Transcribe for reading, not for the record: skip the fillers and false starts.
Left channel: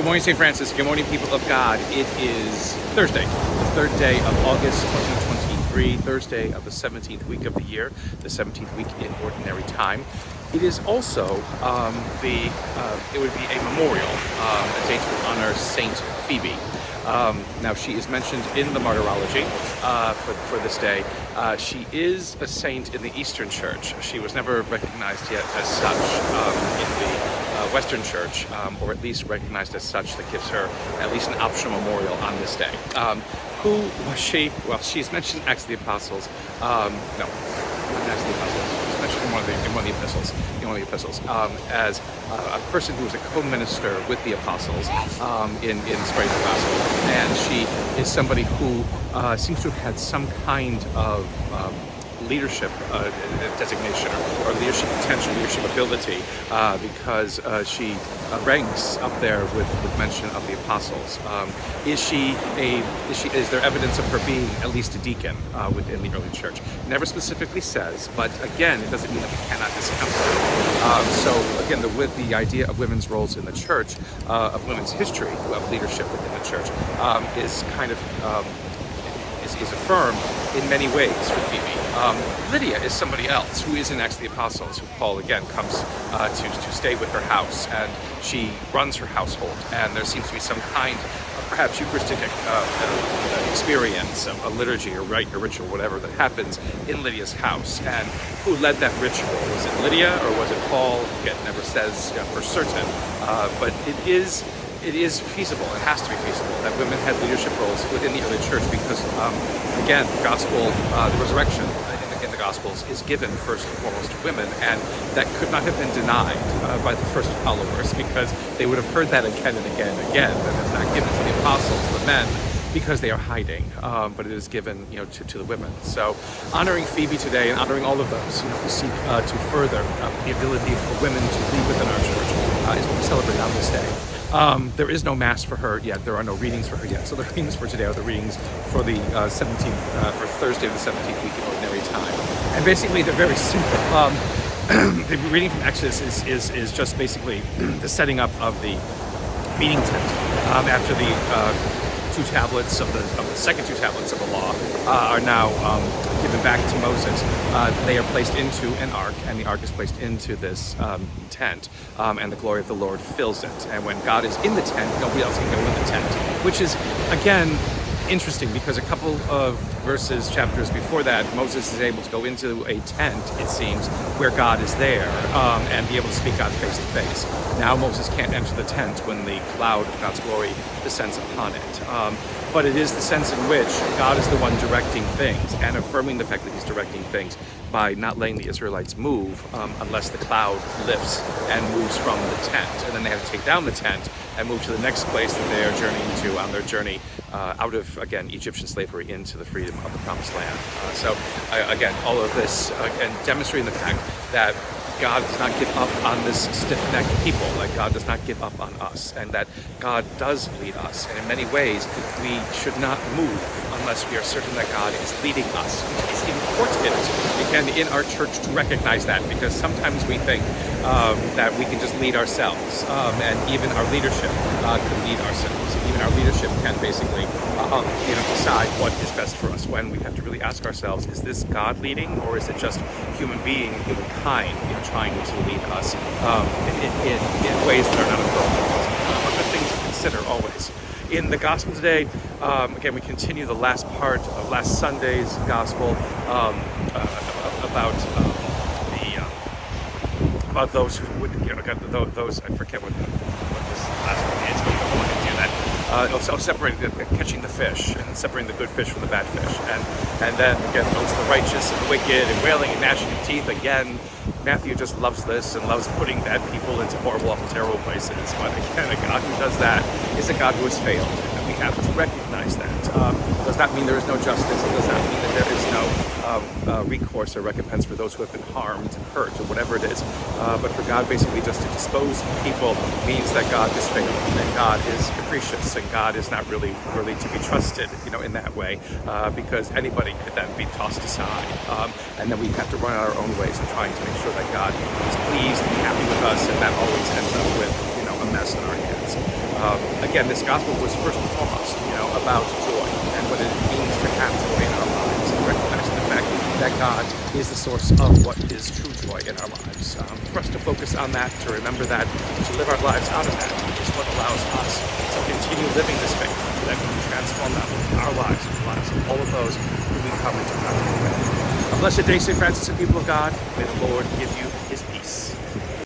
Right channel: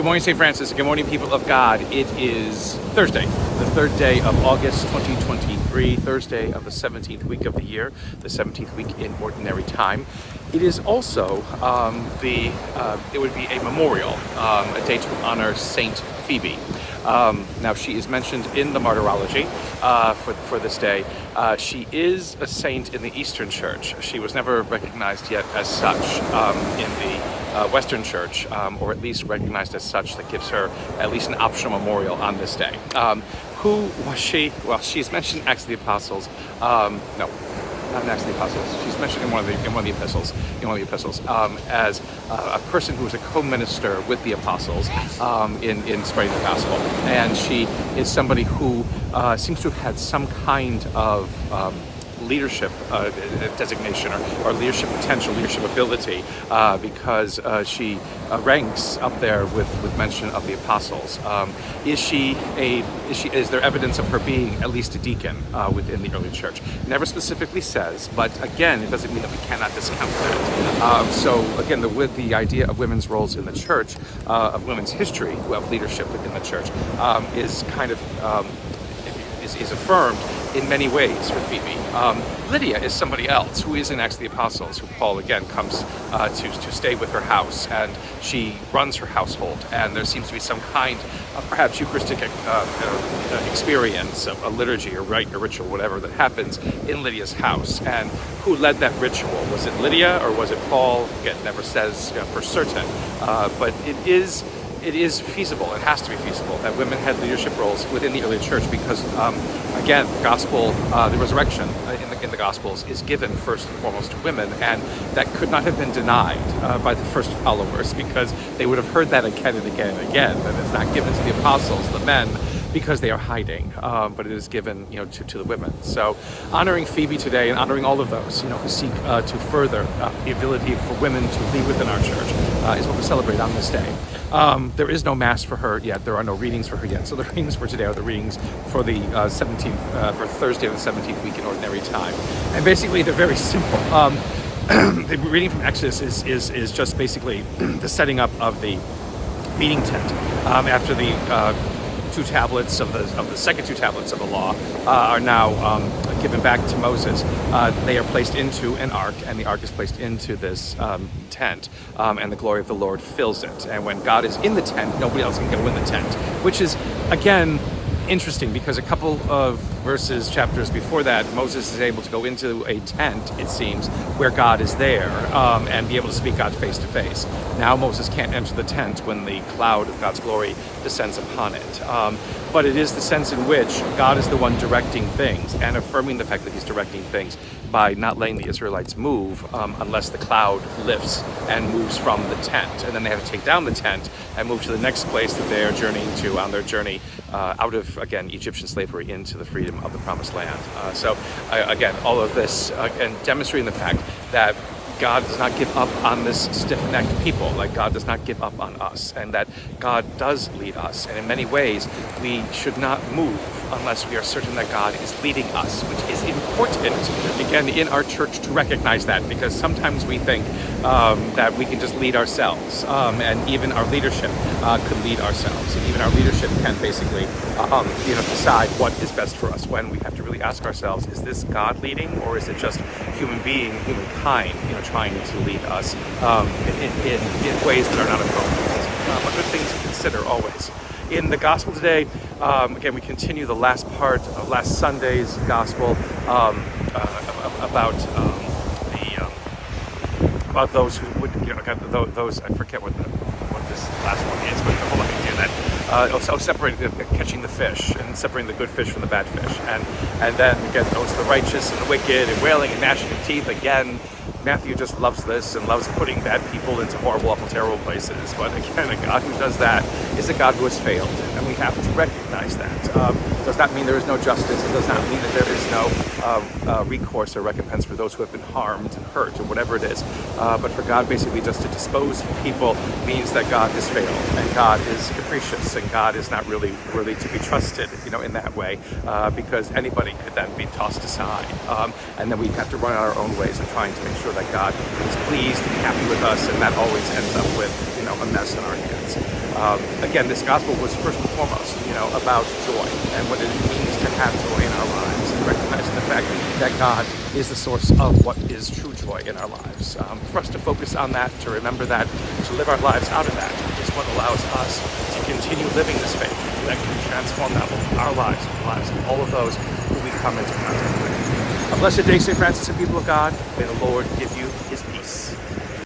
Good morning, St. Francis. Good morning, people of God. It is Thursday, the third day of August 2023, Thursday of the 17th week of the year, the 17th week in Ordinary Time. It is also it would be a memorial, a day to honor Saint Phoebe. Now, she is mentioned in the Martyrology for this day. She is a saint in the Eastern Church. She was never recognized yet as such in the Western Church, or at least recognized as such. That gives her at least an optional memorial on this day. Who was she? Well, she's mentioned in Acts of the Apostles. No, not in Acts of the Apostles. She's mentioned in one of the epistles, as a person who was a co-minister with the apostles in spreading the gospel, and she is somebody who seems to have had some kind of leadership designation or leadership potential, leadership ability, because she ranks up there with mention of the apostles. Is there evidence of her being at least a deacon within the early church? Never specifically says, but again, it doesn't mean that we cannot discount that. So again, with the idea of women's roles in the church, of women's history of leadership within the church, is kind of is affirmed in many ways with Phoebe. Lydia is somebody else who is in Acts of the Apostles, who Paul again comes to stay with her house, and she runs her household, and there seems to be some kind of perhaps Eucharistic experience, a liturgy or rite or ritual, whatever, that happens in Lydia's house. And who led that ritual? Was it Lydia or was it Paul? Again, never says for certain, but it is feasible, it has to be feasible, that women had leadership roles within the early church because, again, the gospel, the resurrection in the Gospels is given first and foremost to women, and that could not have been denied by the first followers, because they would have heard that again and again and again, that it's not given to the apostles, the men, because they are hiding, but it is given, to the women. So honoring Phoebe today and honoring all of those, who seek to further the ability for women to lead within our church is what we celebrate on this day. There is no mass for her yet. There are no readings for her yet. So the readings for today are the readings for the 17th, for Thursday of the 17th week in Ordinary Time. And basically they're very simple. The reading from Exodus is just basically the setting up of the meeting tent after the two tablets of the second two tablets of the law are now given back to Moses. They are placed into an ark, and the ark is placed into this tent, and the glory of the Lord fills it. And when God is in the tent, nobody else can go in the tent, which is, again, interesting, because a couple of chapters before that, Moses is able to go into a tent, it seems, where God is there, and be able to speak God face to face. Now Moses can't enter the tent when the cloud of God's glory descends upon it. But it is the sense in which God is the one directing things, and affirming the fact that he's directing things by not letting the Israelites move unless the cloud lifts and moves from the tent. And then they have to take down the tent and move to the next place that they are journeying to on their journey out of, again, Egyptian slavery into the freedom of the Promised Land. Again, all of this, and demonstrating the fact that God does not give up on this stiff-necked people, like God does not give up on us, and that God does lead us. And in many ways, we should not move unless we are certain that God is leading us. It's important, again, in our church to recognize that, because sometimes we think that we can just lead ourselves, and even our leadership could lead ourselves. And even our leadership can basically, decide what is best for us, when we have to really ask ourselves, is this God leading, or is it just human being, humankind, trying to lead us in ways that are not appropriate? But good things to consider always. In the gospel today, again, we continue the last part of last Sunday's gospel about those who would, those, I forget what this last one is, but hold on, I can do that. Separating, catching the fish, and separating the good fish from the bad fish. And then, again, those the righteous and the wicked, and wailing and gnashing of teeth. Again, Matthew just loves this and loves putting bad people into horrible, awful, terrible places. But again, a God who does that is a God who has failed, and we have to recognize that. Does not mean there is no justice. It does not mean that there is no recourse or recompense for those who have been harmed, hurt, or whatever it is. But for God basically just to dispose of people means that God has failed, and God is capricious, and God is not really to be trusted, in that way, because anybody could then be tossed aside. And then we have to run our own ways of trying to make sure that God is pleased and happy with us, and that always ends up with, a mess in our hands. Again, this gospel was first and foremost, about joy and what it means to have joy in our lives, and recognizing the fact that God is the source of what is true joy in our lives. For us to focus on that, to remember that, to live our lives out of that is what allows us to continue living this faith that can transform not only our lives, but the lives of all of those who we come into contact with. A blessed day, St. Francis and people of God. May the Lord give you his